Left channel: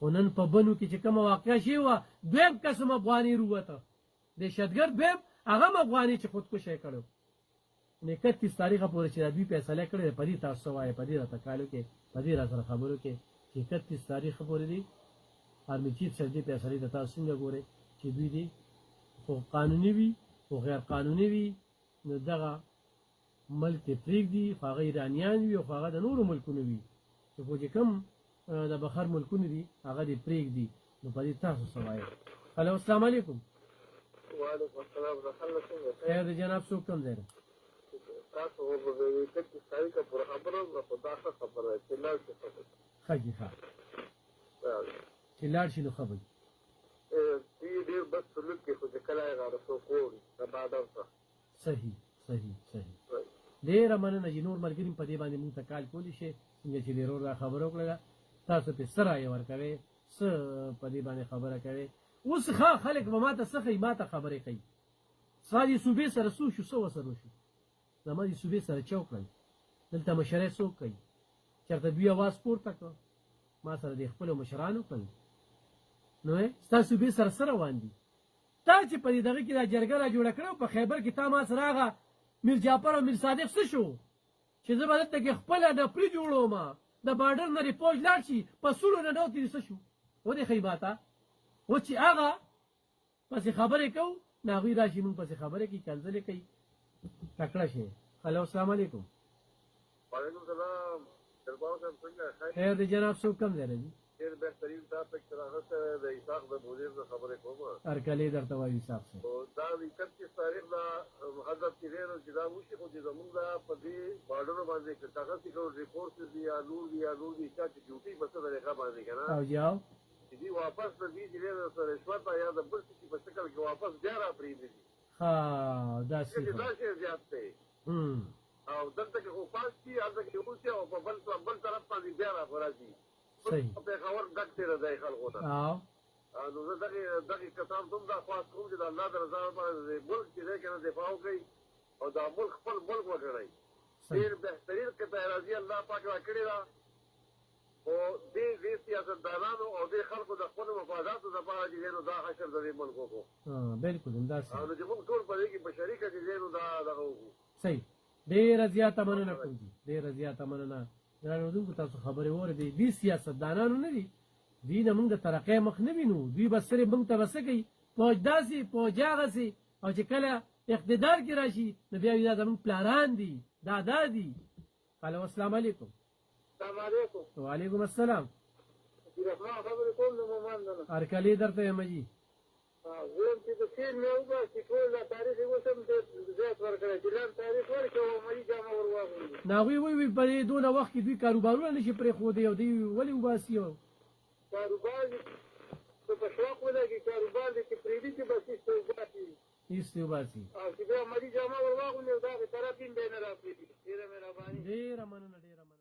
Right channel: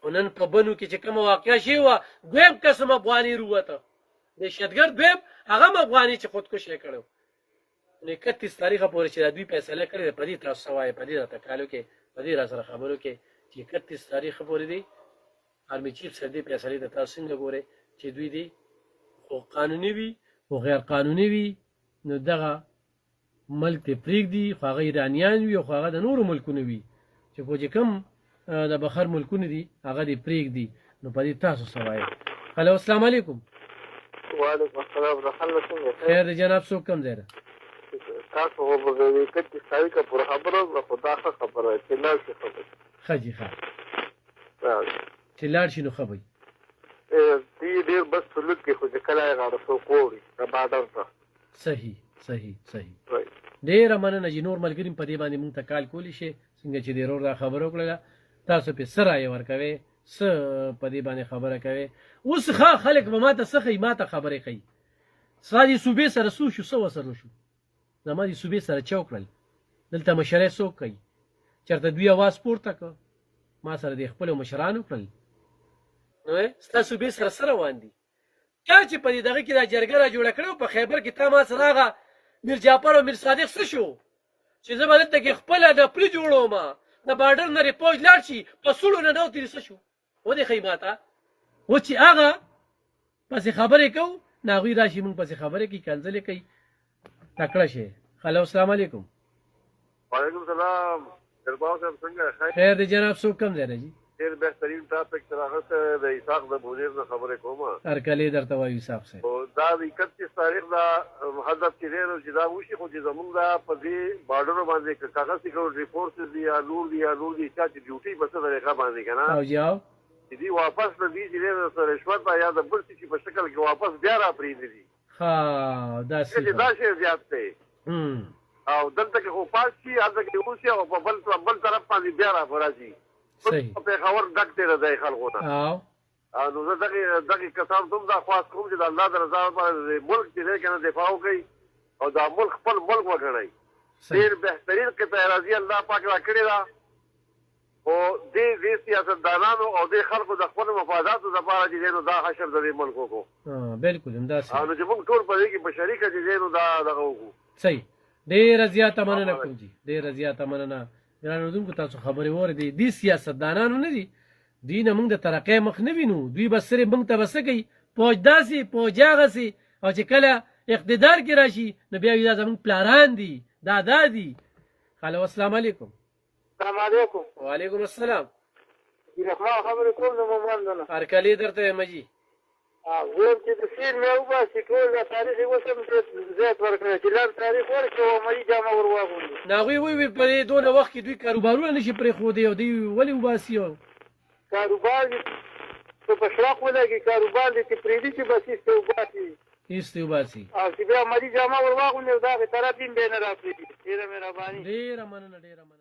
خو نن په بنو کې چې کومه واقعه شوې وه دویم قسم افغاني رووته دهشتګرد دویم هغه هم افغاني چې خودکشي یې کړی نو 31 تاریخه پورې چې دا دوی فیصله کړې ده په دې تاسو څه وایئ په دې راته کالو کې په دې را سره خبرو کې چې 31 تاریخه پورې دی آرمي چیف صاحب دې فیصلې ته تاسو څنګه ګورئ چې دوی دې خو قانوني وي خو غیر قانوني وي نو دغه ملک ته پرېږدي خو هغه ایرانیان وي خو هغه د نورو ملکونو وي چې خو چې کوم د بخر ملکونه دي هغه دې پرېږدي نو په دې تاسو څه وایئ هلو السلام علیکم وعلیکم السلام ورحمة الله خیر دی جناب څوک کوم ځای ده تاسو خو به د 31 تاریخه پورې خبره وکړه خو دا ښه خبره ده چې لاړ شي خبره ښه جي ښه چې لاړ شي نو ښه به دې ډېر بد سلوک کې خو چې کله یې غاړه څوک وړي د بارډر ته صحیح صحیح صحیح ډېره مننه چې نور ملګري په دې باندې مونږ ته کال کولی شي څنګه چې دې ورور دا خبره وکړله تاسو پې څه رایې ورکوئ څه په دې باندې خبره کوئ اوس ښه خلک به ما ته څه ښیي ما ته خبرې ښیي ستا دې صوبې سره څه وشو څه ورسره وشو زما دې صوبې سره چا وکړل دلته مشرۍ څوک کوي چېرته دوی اواز پورته کړ ما سره دې خپلو مشران وکړل نو ستا صوبې سره څه روان دي تا چې په دې دغه کې دا جرګه را جوړه کړې په خیبر کې تا ما سره هغه میر جعفر او میر صادق څه شو چې زه به دلته کې خپله د پلي جوړوم د بارډر نه رپوج لاړ شي په سوړو نه ډوتې څه شو ودې ښیي ما ته اوس چې هغه پسې خبرې کوو نو هغوی راشي مونږ پسې خبرې کوي کنځلې کوي تکړه شي هلو السلام علیکم وعلیکم السلام درباو صاحب څنګه خیر دی جناب څوک کوم ځای نه جي ډېر بهترین ټاپک تر هغه ته د اسحاق د بوزیر نه خبرې کوم هرکلی درته وایو صاحب صاحب دا د 31 تاریخ دا هدف چې دی چې دا وشي خو چې زموږ دا په دې بارډرو باندې کاغذ سیکورټي فورسز دي یا نور دي چا چې ډیوټي په څه طریقه باندې که نه او جاو چې دوی واپس نه دي چې دی د رشوت یا د بل څه په شکل کې واپس بیا را پرېږدي دي ښه داسې دا شی زیات دی او دلته کې خو پاس شي هلته کې اوسي او په بل طرف باندې بیا را راځي صحیح پېښور ډک دی د دې خلکو نه نو زه دغې کسانو ته هم دا خواست کوم چې د الله د رضا لپاره د ملک چې دی که نه دفاع وکړئ او دا ملک خپل ملک وګڼئ ډېر بهترین قطع راضي الله پاک را کړې ده خو دې سیاستدانانو او دې خلکو د خپلو مفاداتو لپاره چې دی نو دا حشر د دې ملک وکړو بلکل همداسې نو چې موږ ټول په دې کې په شریکه چې دی نو دا دغه وکړو صحیح ډېره زیاته مننه کوم جي ډېره زیاته مننه ګرانو اورېدونکو تاسو خبرې واورېدې دې سیاستدانانو نه دي دوی نه موږ د ترقۍ مخ نه وینو دوی به صرف موږ ته به څه کوي پوج داسې پوج هغسې او چې کله اقتدار کې راشي نو بیا وي دا زموږ پلاران دي دادا دي هلو السلام علیکم السلام علیکم وعلیکم السلام رحمان خبرې کوم د مومند نه هرکلی درته یم جي زه چې د سیر مې وباسي ټول دا تاریخ یې اوس هم زیات ورکړی چې لنډ تاریخ ورکړي او عملي جامه ور واغوندي نو هغوی وویل په دې دونه وخت کې دوی کاروبارونه نه شي پرېښودی او دوی ولې وباسي کاروبار دې په شراق ولګي کاروبار دې چې پرېږدي چې بس ایسته وباسي ایسته وباسي او چې بیا عملي جامه ور واغوندي او د هغې طرف هم بیا نه را پرېږدي ډېره مهرباني ډېره مننه ډېره مننه